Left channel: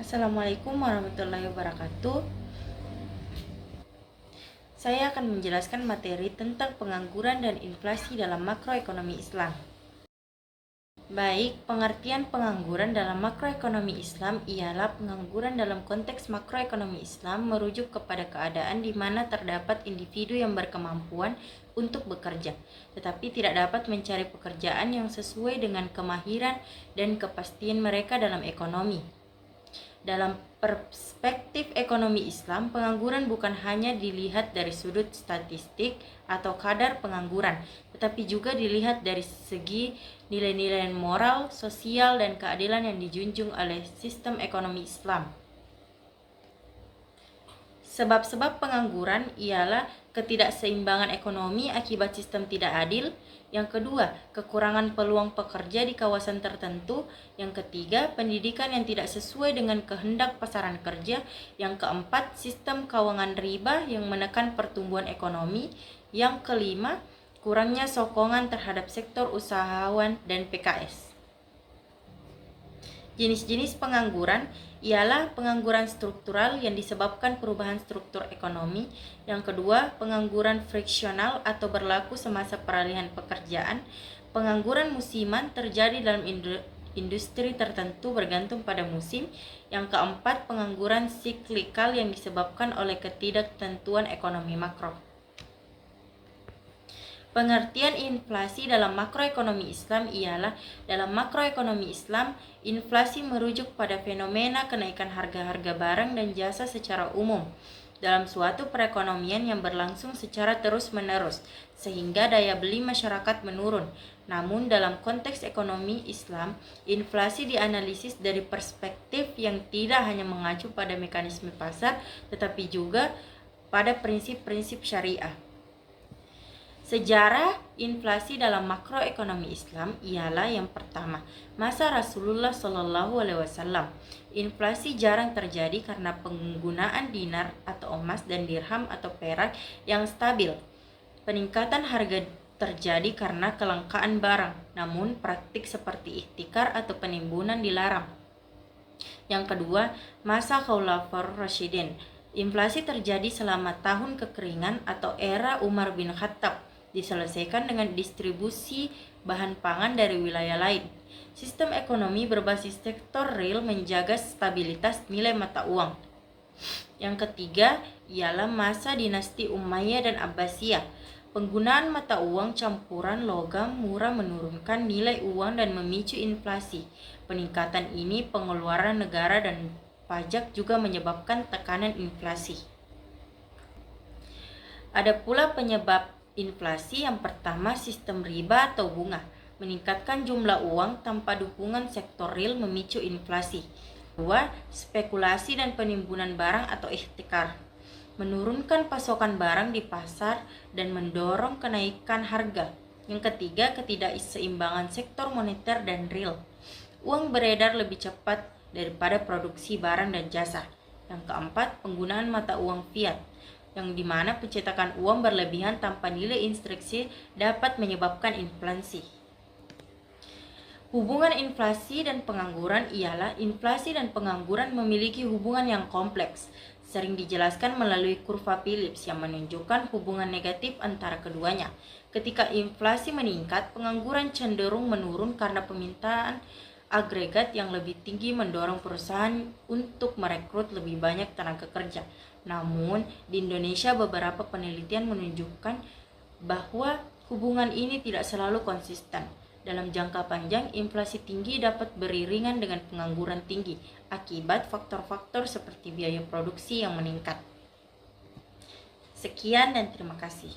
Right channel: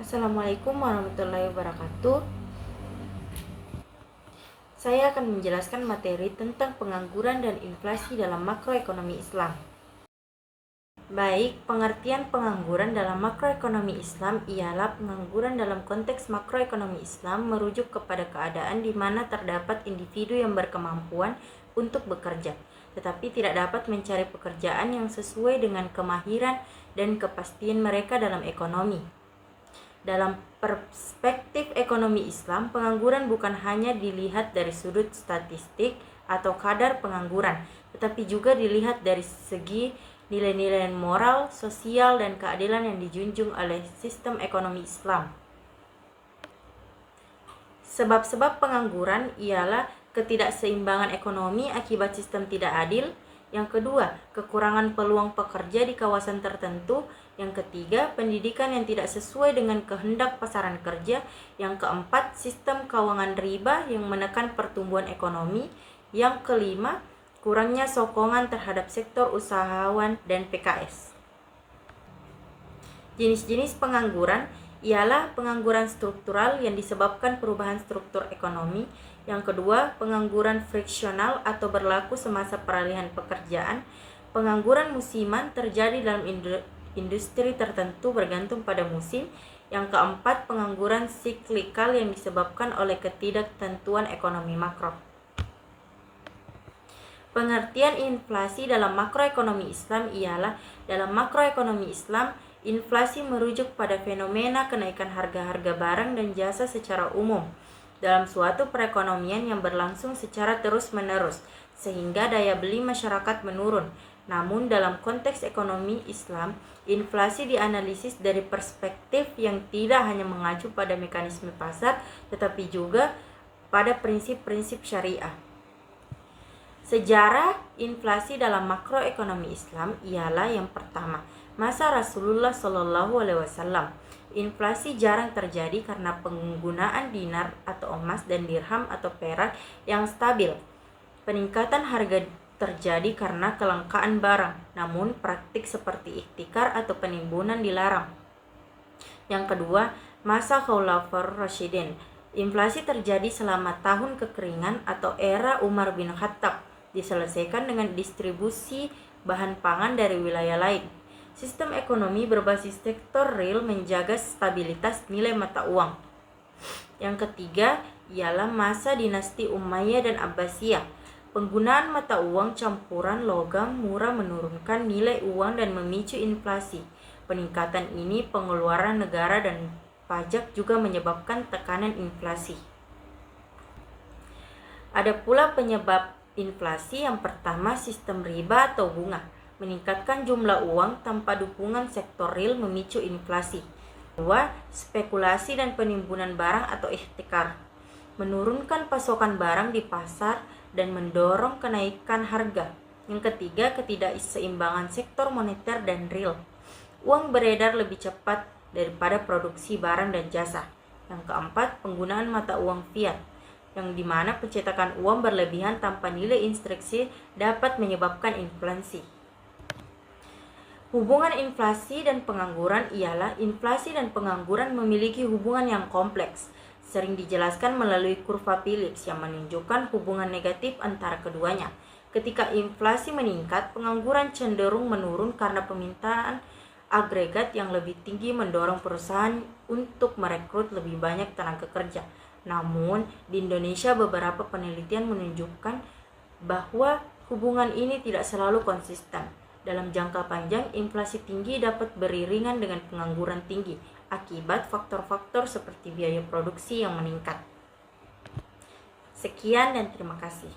Assalamualaikum warahmatullahi wabarakatuh. Saya akan menjelaskan materi tentang pengangguran dan inflasi dalam makroekonomi Islam. Baik, pengertian pengangguran dalam makroekonomi Islam ialah pengangguran dalam konteks makroekonomi Islam merujuk kepada keadaan di mana terdapat individu yang berkemampuan untuk bekerja, tetapi tidak dapat mencari pekerjaan yang sesuai dengan kemahiran dan kepastian mereka dalam ekonomi. Dalam perspektif ekonomi Islam, pengangguran bukan hanya dilihat dari sudut statistik atau kadar pengangguran, tetapi juga dilihat dari segi nilai-nilai moral, sosial, dan keadilan yang dijunjung oleh sistem ekonomi Islam. Sebab-sebab pengangguran ialah ketidakseimbangan ekonomi akibat sistem tidak adil. Yang kedua, kekurangan peluang pekerja di kawasan tertentu. Yang ketiga, pendidikan yang tidak sesuai dengan kehendak pasaran kerja. Yang keempat, sistem keuangan riba yang menekan pertumbuhan ekonomi. Yang kelima, kurangnya sokongan terhadap sektor usahawan dan PKS. Jenis-jenis pengangguran ialah pengangguran struktural yang disebabkan perubahan struktur ekonomi. Yang kedua, pengangguran friksional atau berlaku semasa peralihan pekerjaan. Pengangguran musiman terjadi dalam industri tertentu bergantung pada musim. Yang keempat, pengangguran siklikal yang disebabkan oleh ketidaktentuan ekonomi makro. Pengertian inflasi dalam makroekonomi Islam ialah dalam makroekonomi Islam, inflasi merujuk pada fenomena kenaikan harga-harga barang dan jasa secara umum dalam suatu perekonomian yang berlangsung secara terus-menerus sehingga daya beli masyarakat menurun. Namun dalam konteks ekonomi Islam, inflasi dianalisis dari perspektif yang tidak hanya mengacu pada mekanisme pasar tetapi juga pada prinsip-prinsip syariah. Sejarah inflasi dalam makroekonomi Islam ialah yang pertama, masa Rasulullah SAW. Inflasi jarang terjadi karena penggunaan dinar atau emas dan dirham atau perak yang stabil. Peningkatan harga terjadi karena kelangkaan barang, namun praktik seperti ihtikar atau penimbunan dilarang. Yang kedua, masa Khulafaur Rasyidin. Inflasi terjadi selama tahun kekeringan atau era Umar bin Khattab, diselesaikan dengan distribusi bahan pangan dari wilayah lain. Sistem ekonomi berbasis sektor real menjaga stabilitas nilai mata uang. Yang ketiga ialah masa dinasti Umayyah dan Abbasiyah. Penggunaan mata uang campuran logam murah menurunkan nilai uang dan memicu inflasi. Peningkatan ini pengeluaran negara dan pajak juga menyebabkan tekanan inflasi. Ada pula penyebab inflasi. Yang pertama, sistem riba atau bunga. Meningkatkan jumlah uang tanpa dukungan sektor real memicu inflasi. Kedua, spekulasi dan penimbunan barang atau ihtikar. Menurunkan pasokan barang di pasar dan mendorong kenaikan harga. Yang ketiga, ketidakseimbangan sektor moneter dan real. Uang beredar lebih cepat daripada produksi barang dan jasa. Yang keempat, penggunaan mata uang fiat, yang dimana pencetakan uang berlebihan tanpa nilai instruksi dapat menyebabkan inflasi. Hubungan inflasi dan pengangguran ialah inflasi dan pengangguran memiliki hubungan yang kompleks, sering dijelaskan melalui kurva Phillips yang menunjukkan hubungan negatif antara keduanya. Ketika inflasi meningkat, pengangguran cenderung menurun karena permintaan agregat yang lebih tinggi mendorong perusahaan untuk merekrut lebih banyak tenaga kerja. Namun, di Indonesia beberapa penelitian menunjukkan bahwa hubungan ini tidak selalu konsisten. Dalam jangka panjang, inflasi tinggi dapat beriringan dengan pengangguran tinggi akibat faktor-faktor seperti biaya produksi yang meningkat. Sekian dan terima kasih.